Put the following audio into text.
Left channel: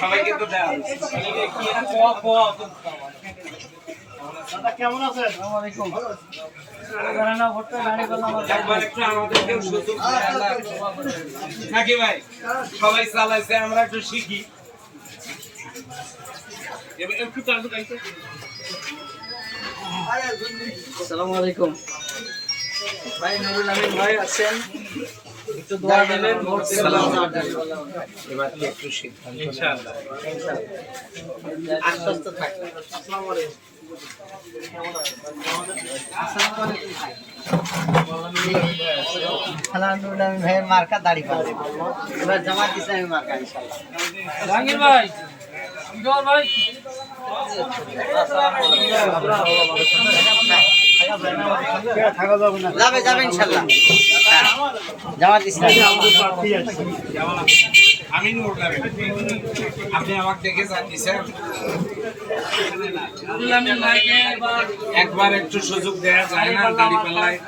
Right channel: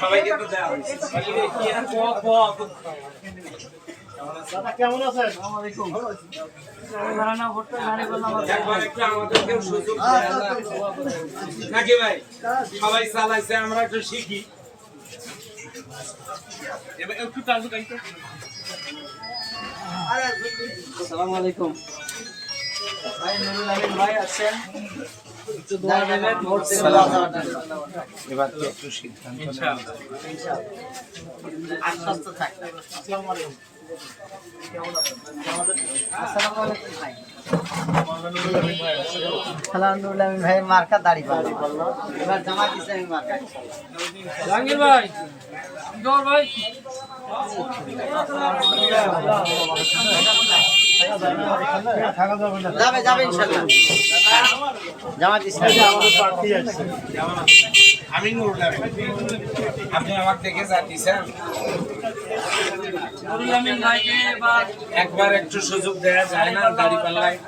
সবাইকে তো দেওয়া দাদা কেমন আছেন? আসসালামু আলাইকুম। নাকি ভাই সবাই চালাইছে আমরা একটু শিখি। আসসালামু আলাইকুম ভাই, নুরুল আমিন ভাই আছেন, একটু দোয়া দেবেন ভোট দেবেন। এবার কি একটু সিদ্ধান্ত ইনশাআল্লাহ আশ্বস্ত থাকবেন। আসসালামু আলাইকুম। আসসালামু আলাইকুম ভাই। নুরুল আমিন ভাই মার্কা দাড়ি পাল্লা এবার জামাত ইসলামী মার্কা ইনশাআল্লাহ। জাহাঙ্গীর ভাই জোর ভাই যাবে যাবে ইনশাআল্লাহ। জামাত ইসলামী আমি নুরুল আমিন। আপনি আমাকে দেখে যাচ্ছেন নুরুল আমিন ভাইকে একবার একটু সুযোগ দেওয়া যায় না দাড়ি পাল্লায়?